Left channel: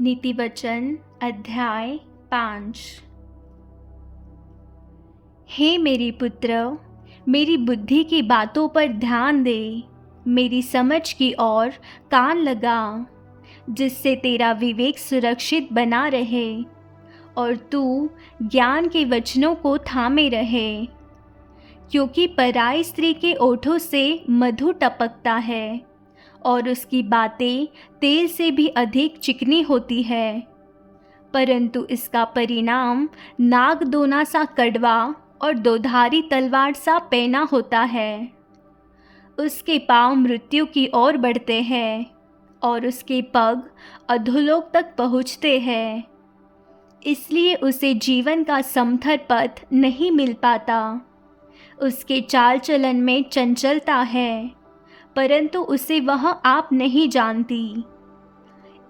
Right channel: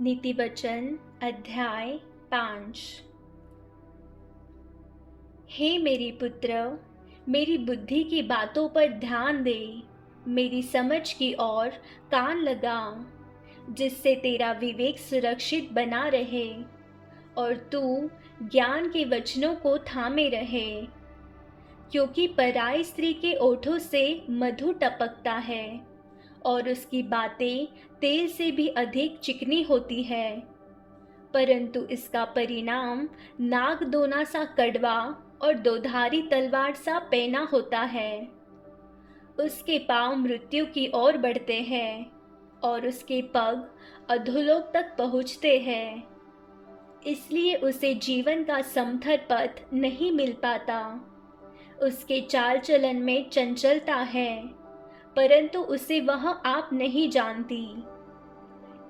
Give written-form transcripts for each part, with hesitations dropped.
नीति वचन अध्याय 5। हे मेरी पुत्र, मेरी बुद्धि की बातों पर ध्यान दे, मेरी समझ की ओर कान लगा, जिससे तेरा विवेक सुरक्षित बना रहे और तू ज्ञान के वचनों को थामे रहे। क्योंकि पराई स्त्री के ओठों से मधु टपकता है और उसकी बातें तेल से भी अधिक चिकनी होती है, परंतु इसका परिणाम नागदोना सा कड़वा और दोधारी तलवार सा पैना होता है। उसके पांव मृत्यु की ओर बढ़ते हैं और उसके पग अधोलोक तक पहुँचते हैं। इसलिए उसे जीवन का समथर पथ नहीं मिल पाता। उसके चाल चलन में चंचलता है, परंतु उसे वह आप नहीं जानती।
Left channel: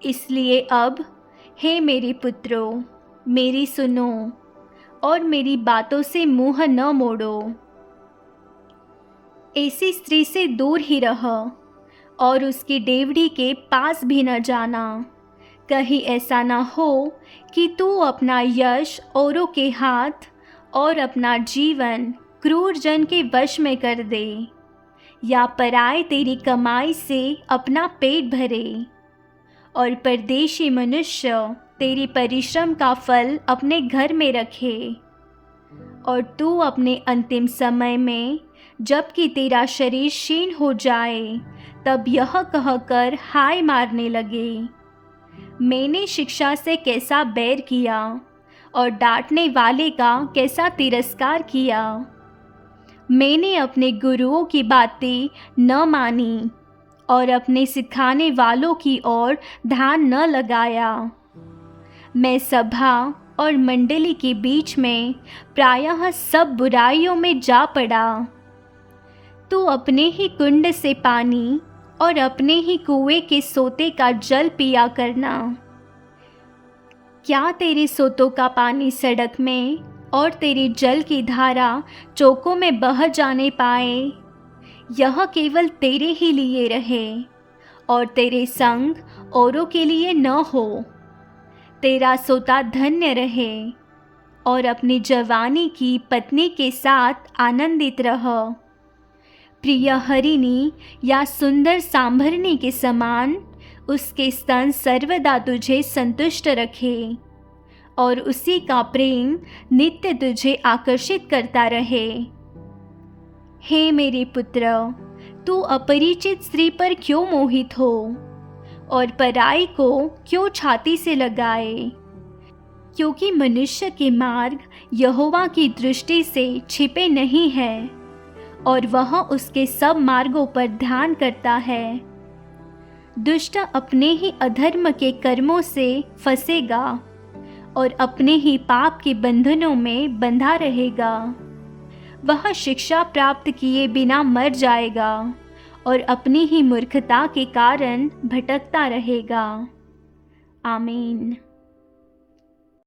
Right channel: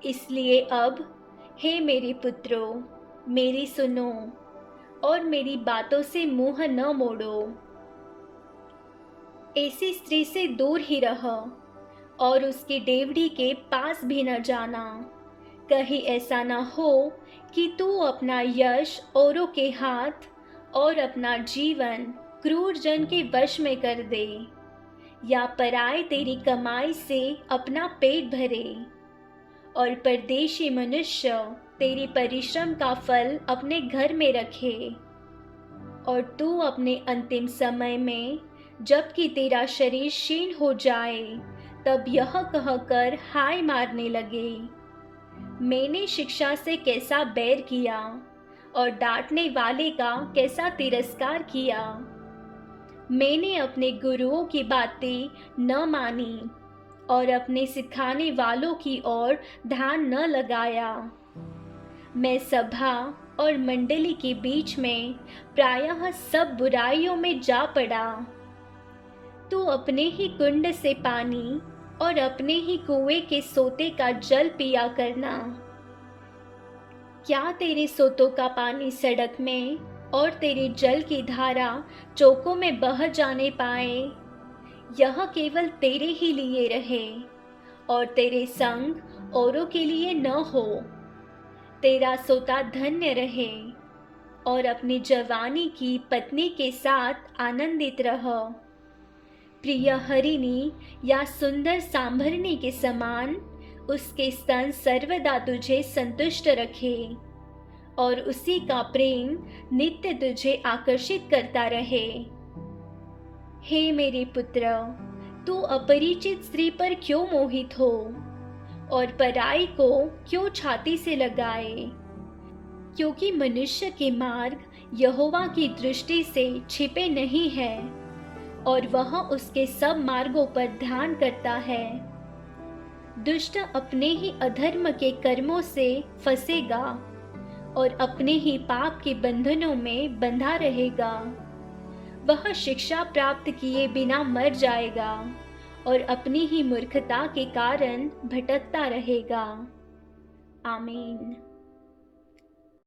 इसलिए अब हे मेरे पुत्रों, मेरी सुनो और मेरी बातों से मुंह न मोड़ो। ऐसी स्त्री से दूर ही रह और उसकी डेवढ़ी के पास भी न जाना। कहीं ऐसा न हो कि तू अपना यश औरों के हाथ और अपना जीवन क्रूर जन के वश में कर दे, या पराए तेरी कमाई से अपना पेट भरे और परदेशी मनुष्य तेरी परिश्रम का फल अपने घर में रखे। और तू अपने अंतिम समय में, जबकि तेरा शरीर क्षीण हो जाए, तब यह कहकर हाय मारने लगे, मैंने शिक्षा से कैसा बैर किया और डांटने वाले का कैसा तिरस्कार किया। मैंने अपने गुरुओं की बातें न मानी और अपने सिखाने वालों की ओर ध्यान न लगाया। मैं सभा और मंडली के बीच में प्रायः सब बुराइयों में जा पड़ा। तू अपने ही कुंड से पानी और अपने ही कुएं के सोते का जल पिया करना। क्या तेरे सोतों का पानी सड़क में और तेरे जल की धारा चौकों में बह जाने पाए? यह केवल तेरे ही लिए रहे और तेरे संग औरों के लिए न हो। तेरा सोता धन्य रहे और अपनी जवानी की पत्नी के साथ आनंदित रह। प्रिय हरिणी या सुंदर सांभरनी के समान उसके स्तन सर्वदा तुझे संतुष्ट रखे और उसी का प्रेम नित्य तुझे आकर्षित करता रहे। हे मेरे पुत्र, तू अपरिचित स्त्री पर क्यों मोहित हो और पराई को क्यों छाती से लगाए? क्योंकि मनुष्य के मार्ग यहोवा की दृष्टि से छिपे नहीं है और वह उसके सब मार्गों पर ध्यान करता है। दुष्ट अपने ही अधर्म के कर्मों से फंसेगा और अपने ही पाप के बंधनों में बंधा रहेगा। वह शिक्षा प्राप्त किए बिना मर जाएगा और अपनी ही मूर्खता के कारण भटकता रहेगा। आमीन।